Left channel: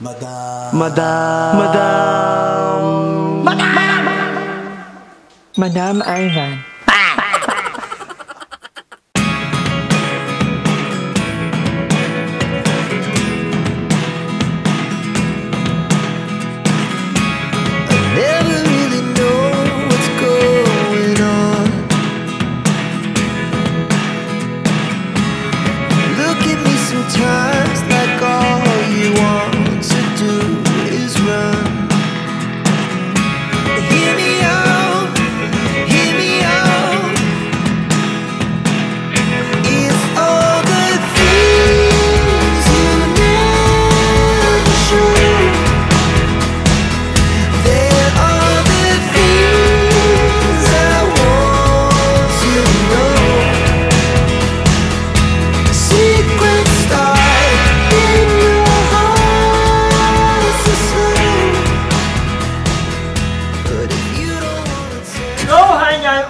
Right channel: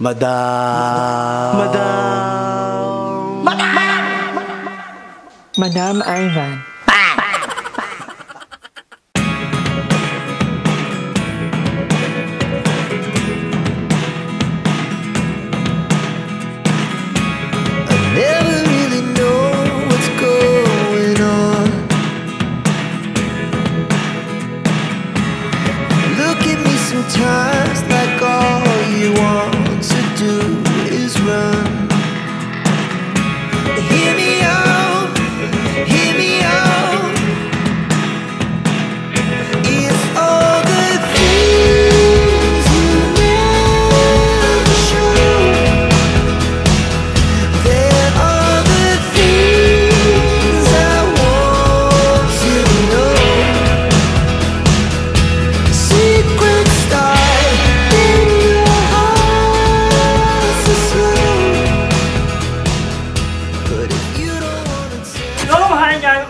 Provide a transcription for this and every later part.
Madam Ivan. Sometimes like all you want to do is run. Hear me out, hear me out. It's all the things you never show. There are the things I want to know. Secrets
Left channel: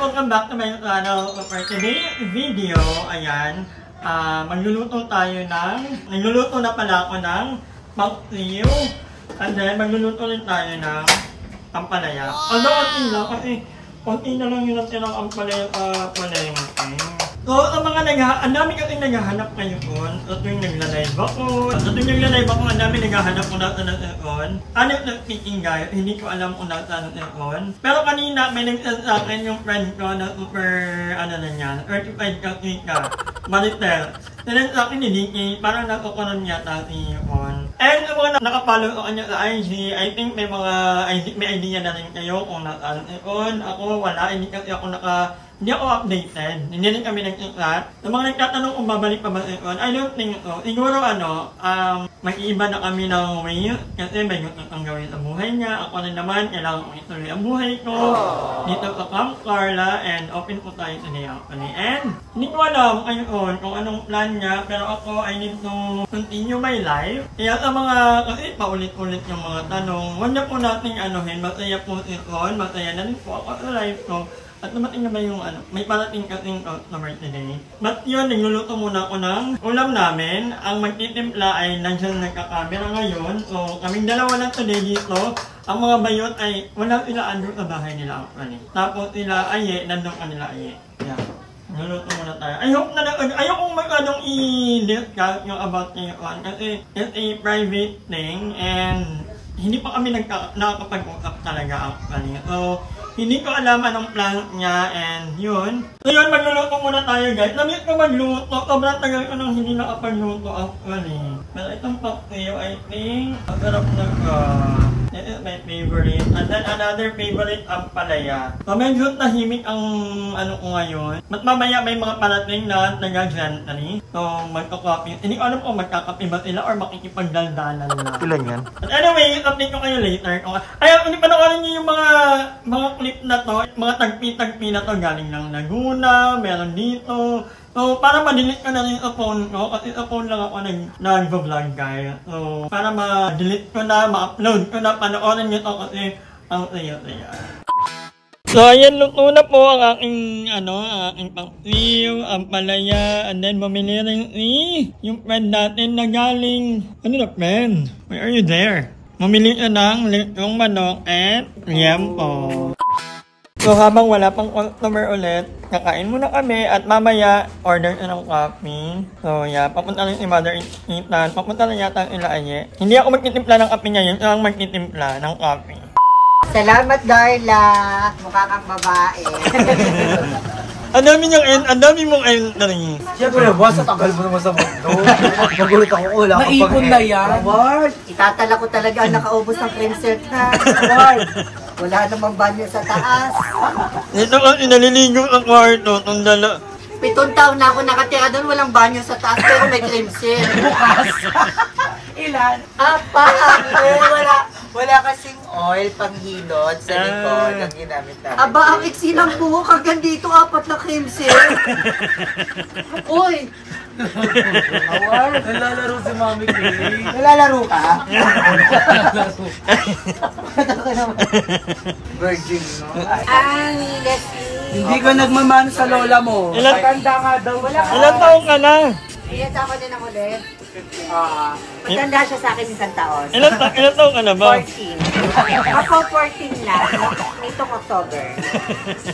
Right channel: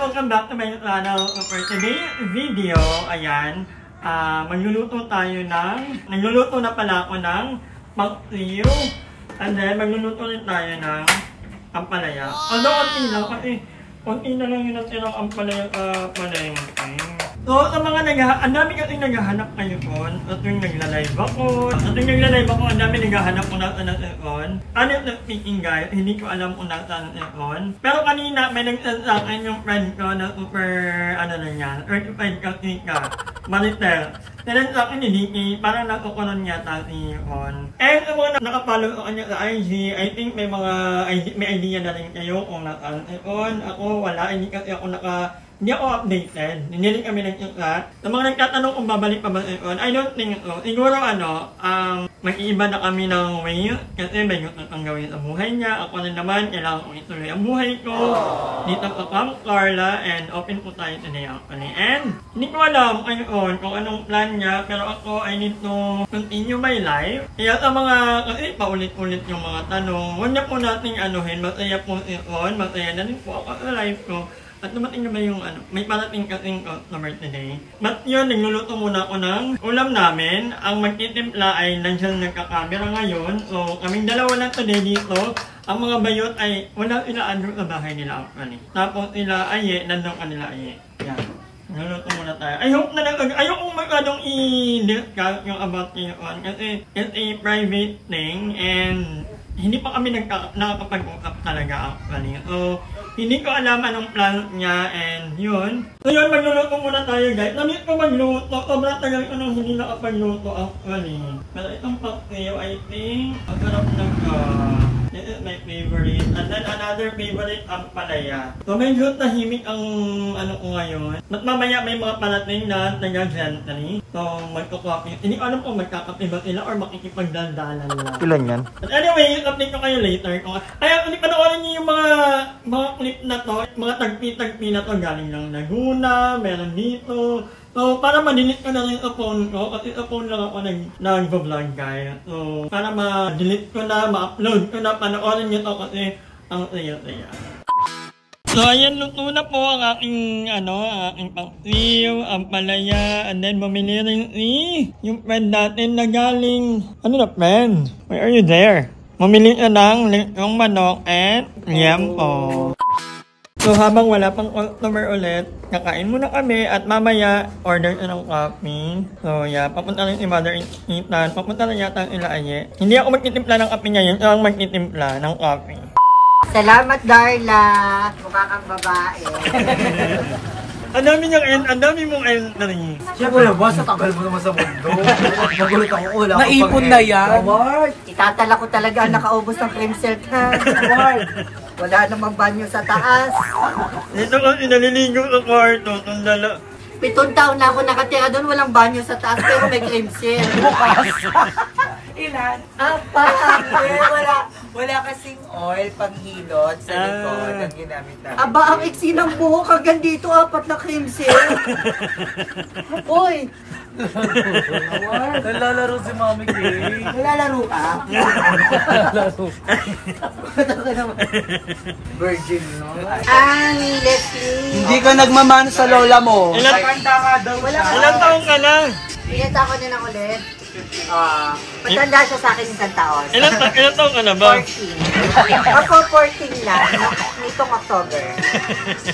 welcome back to my channel. For today's video, ayan, magluluto na pala ako ng paksiw. And then, magluluto rin tayo ng ampalaya. Although, konti na lang yung natirang ampalaya. So, ang dami kasing naghahanap ngayon. At yung nagla-live ako. Ang dami naghahanap kung nasa natin. Honestly speaking guys, hindi ko alam kung nasa natin. Pero kanina, may nagsasabi sa akin yung friend ko na super, certified kasi ka. Maritel. Sinang sa akin ni Nikki, parang nakukunan yata si Yvonne. And yung mga nakapollow sa kanya sa IG, I think may idea na rin kayo kung nasa natin. Ako, wala. Hindi ako updated. Hindi rin kami nag-chat. Sa mga nagtatanong kung babalik pa ba ito, I don't think so. Siguro may iba na kami ng way kasi may gusto kang gawin sa buhay niya. Ako rin naman, kailangan kong ituloy ang buhay ko. Dito sa Camp Carla and open po tayo today actually. And hindi ko alam ngayon kung anong plan niya, pero ako I need to continue my life. Kaya sa mga, kasi paulit-ulit yung mga tanong, huwag na po nating masaya po ito, masaya na rin po ako sa life ko. At dumating na ba yung may parating kasing customer today. But yun, nagluluto muna ako ng ulam namin. Ang magtitimpla ay nandiyan nagkakamera ngayon. So, kaming dalawa lang today dito. Ang mga bayot ay wala sila andun sa bahay nila actually. Tapos sila aye, nandun kanila aye. Yeah. Nagluluto muna tayo. Ayokong masyadong i-discuss yung about ngayon kasi it's a private thing and hindi pa kami nakakapag-usap talaga actually. So, hindi ko alam anong plan niya and yun. So yun, magluluto muna tayo guys. Namit ko magluto. Sobrang tagal ko nang hindi nakapagluto actually. Pero itong paksiw, I think, ang sarap na this is my favorite. And then another favorite, ampalaya. So medyo tahimik ang ko ngayon. At mamaya may mga parating na nag-gently. So magkakapi. Hindi ko alam kung magkakapi ba sila or makikipagdaldalan lang. Ilan yan? But anyway, update ko kayo later. Ayaw, hindi panoorin niyo yung mga clip na to. Mga tagpi-tagpi na to galing ng Laguna, meron dito. So, para ma-delete ko na rin sa phone ko, kasi sa phone lang ako nag-vlog guys. So, para ma-delete ko na, ma-upload ko na, panoorin nyo to kasi ang saya-saya. So, ayan, luto na po ang aking, aking paksiw, ampalaya, and then bumili rin yung friend natin na galing, friend? Where are you there? Bumili ka ng litong manok and liempo. So, habang wala pang customer ulit, kakain muna kami at mamaya order na ng coffee. So, yeah, papunta rin si Mother Ethan. Papunta rin yata ang Ilaaye. Hindi ako magtitimpla ng kape ngayon, ako magtitimpla ng coffee. Salamat, Darla. Mukha kang babae. Ang dami mong entry. Siyempre naman, sa tagal mo naman sa mundo. Magulit ako, wala ka pang naipon na yan. Itatala ko talaga ang nakaubos ng cream silk ha. Wala namang banyo sa taas. Ito kasi naliligo sa kwarto, itong dala. 7 taon na ako nakatira doon, walang banyo sa taas, pero may cream silk. Bukas. Ilan? 4. Wala kasing oil panghilod sa likod ang ginamit namin. Aba, ang iksi ng buhok hanggang dito, 4 na cream silk. Uy! Nalalaro si Mami Kay. Nalalaro ka? Virgin, no? Leslie. Hindi ka nagmamano sa lola mo. Ilan taong ka na? Iyata ako din ang ulit. Matanda siya sa akin isang taon. Ilan taon ka na ba? 14. Ako 14 lang. Itong October.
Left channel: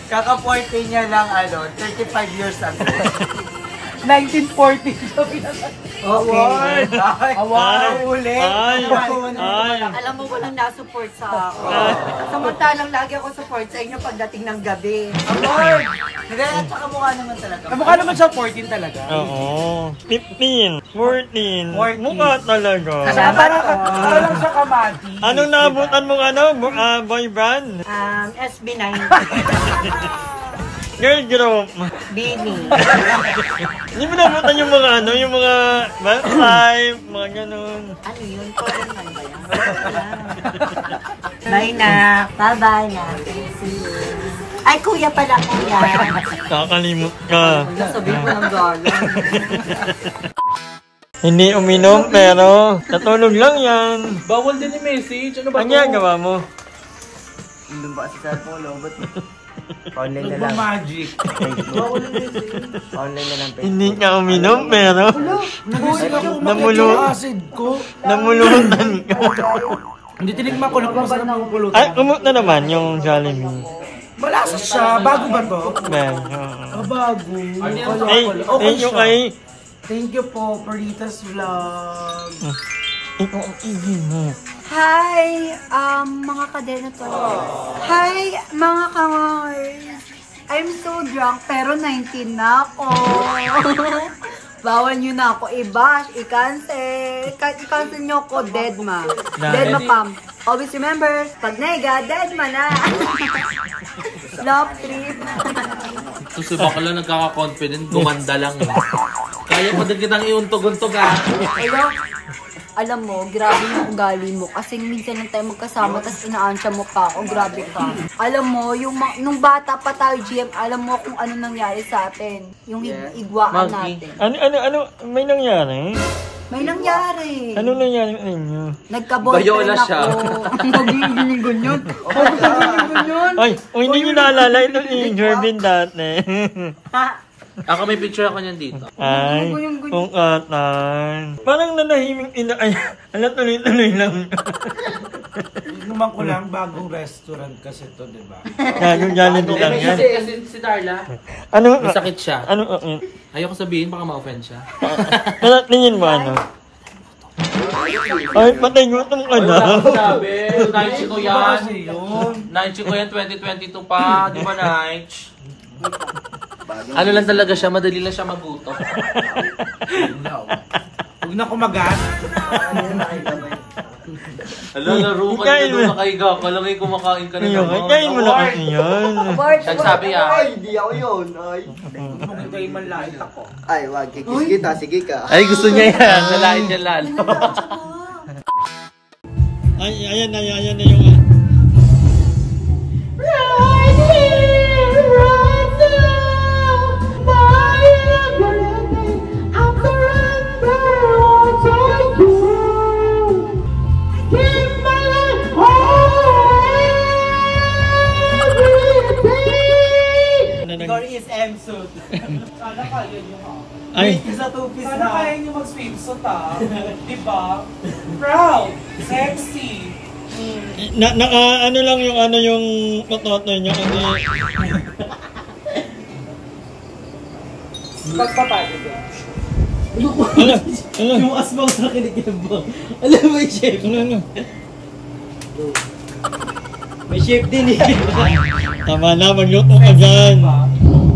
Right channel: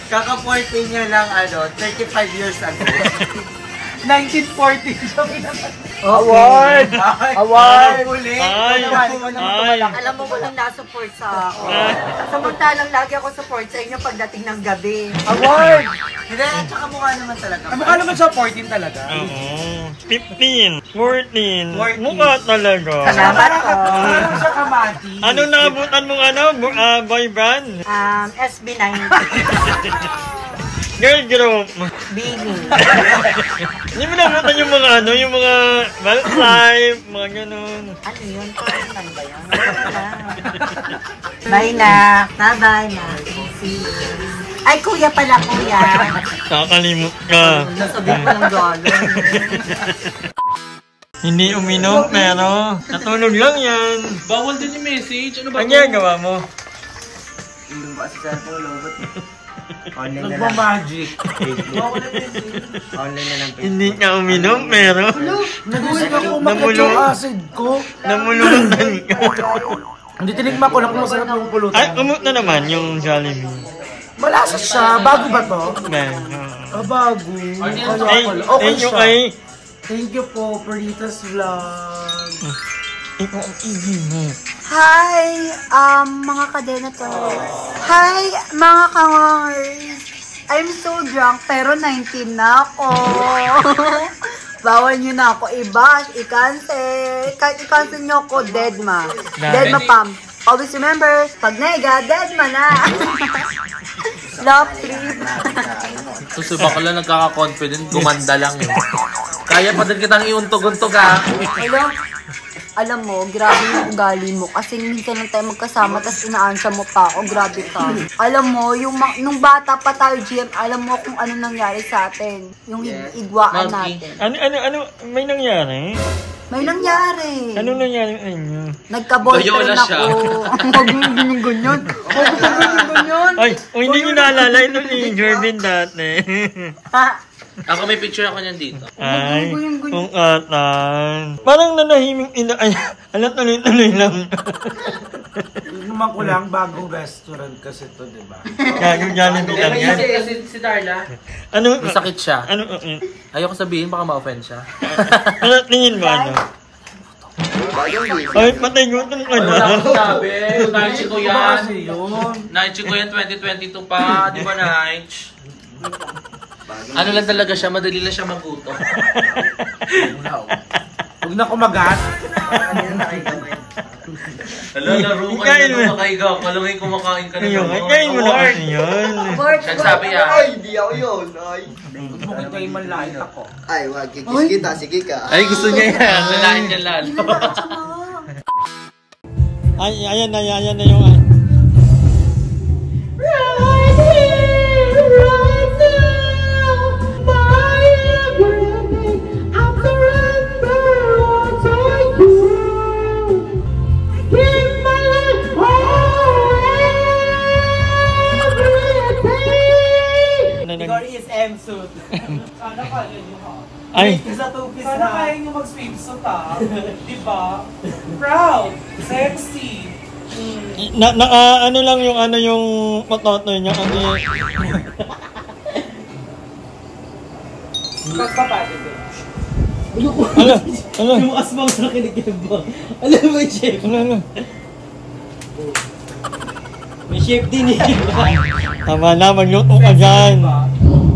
Kaka-14 niya lang, 35 years ago. 1940 sabi naman. Award! Award! Ulit! Ay! Alam mo, walang nasupport sa ako. Samantalang lagi ako support sa inyo pagdating ng gabi. Award! Hindi, at saka mukha naman talaga. Mukha naman siya 14 talaga. Oo. 15, 14. Mukha talaga. Salamat po. Ano siya kamati? Anong naabutan mong boy band? SB9. Girl group. Bini. Hindi mo naabutan yung mga yung mga live, mga ganun. Ano yun? Ano ba yan? Bye na. Bye-bye na. See you. Ay, kuya pala, kuya. Nakakalimot ka. Nasabi ko ng gano'n. Hindi uminom, pero natulog lang yan. Bawal din yung message. Ano ba? Ang ginagawa mo? Hindi ba si Chapo, Lobot? Nagmamagic. Online na lang. Hindi ka uminom, pero Nagusin ako, umakyat yung acid ko. namulutan ka. Hindi tinigma ko na kung masarap yung pulutan. Ay, kumot na naman yung Jollibee. Malasa siya. Bago ba to? Yan, oo. Bago. Kaya Ay, pala. Okay thank you siya. kay... Thank you po, Peritas Vlog. Ito ang easy mo. Hi, mga kadenators. Hi, mga kangers. I'm so drunk, pero 19 na ako. Bawal nyo na ako i-bash, i-cancel. Kahit i-cancel nyo ako, deadma. Deadma pam. Always remember, pag naiga, deadma na. Love trip. Susuba ka lang nagkaka-confident, gumanda lang. Kaya pa din kitang iuntog-untog ha. Alam mo, grabe yung ugali mo. Kasi minsan lang tayo magkasama, tas inaansya mo pa ako. Grabe ka. Alam mo, nung bata pa tayo, GM, alam mo kung ano nangyari sa atin. Yung igwaan natin. Ano, may nangyari? May nangyari. Ano nangyari sa inyo? Nagka-boyfriend ako. Magiging ganyan. Magiging ganyan. Ay, hindi nyo naalala ito si Jervin dati. Ako may picture ako niyan dito. Ay, kung atan. Parang nanahiming ay, tuloy-tuloy lang. Inuman ko lang, bagong restaurant kasi to, di ba? Yung Jollibee lang yan. Kasi si Darla, Ano? may sakit siya. Ano? Ayoko sabihin, baka ma-offend siya. Ano, tingin mo ano? Ay, patay gutom ka na. Sabi, Night ko Ano yan. kasi yun? Night ko yan, 2022 pa. Di ba, Night? Ano lang talaga siya, madali lang siya magutom. Huwag na kumagat. Hala, laro ka Ikain mo. na makaiga ka lang, kumakain ka na Ayun, naman. kain mo na kasi yun. Nagsabi ah. Hindi ako yun. Ay, Hindi man lain ako. ay wag. Kikis kita. Sige ka. Ay, gusto niya yan. Walain niya lalo. Ay, ayan na yung... Glory is M-suit. Sana kaya nyo ha. Ay, Isa two-piece na. Sana kaya nyo mag-swimsuit ha. Diba? Proud. Sexy. ano lang yung pototo niya kasi... Pagpapagod din. Ano? Yung asbang sa kinikibang. Alam mo yung chef? Ano? May chef din eh. Tama na, magluto ka dyan.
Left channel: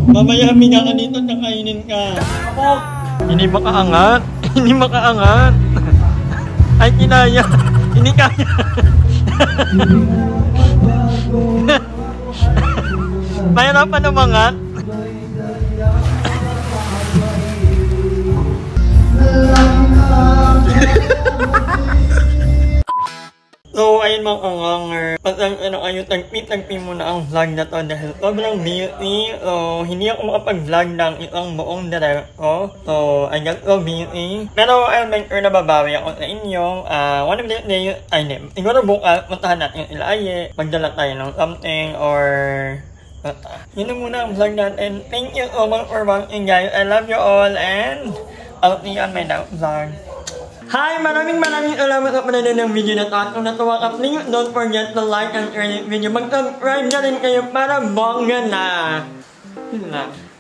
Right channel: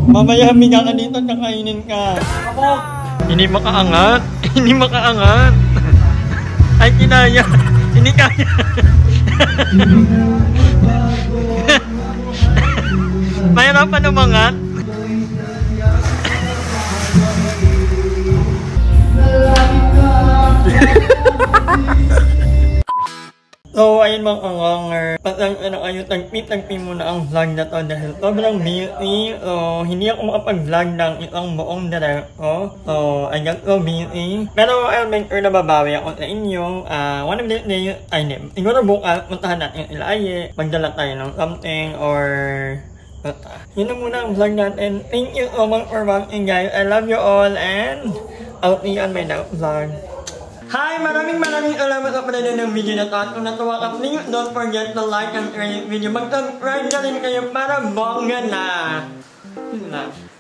Mamaya minaka dito, nakainin ka. Ako. Hindi makaangat. Hindi makaangat. Ay, kinaya. Hindi kaya. Mahirapan umangat. So, ayun mga kanganger. Tagpi mo na ang vlog na to dahil sobrang busy. So, hindi ako makapag-vlog ng isang buong diretso. So, I got so busy. Pero, I'll make sure na babawi ako sa inyo. One of the days, siguro bukas, puntahan natin yung Ilaye. Magdala tayo ng something or... Yun na muna ang vlog natin. Thank you so much for watching guys. I love you all and I'll see you on my next vlog. Hi! Maraming salamat sa panonood ng video na to. At kung natuwa ka, please don't forget to like and share this video. Mag-subscribe na rin kayo para bongga na. Yun lang.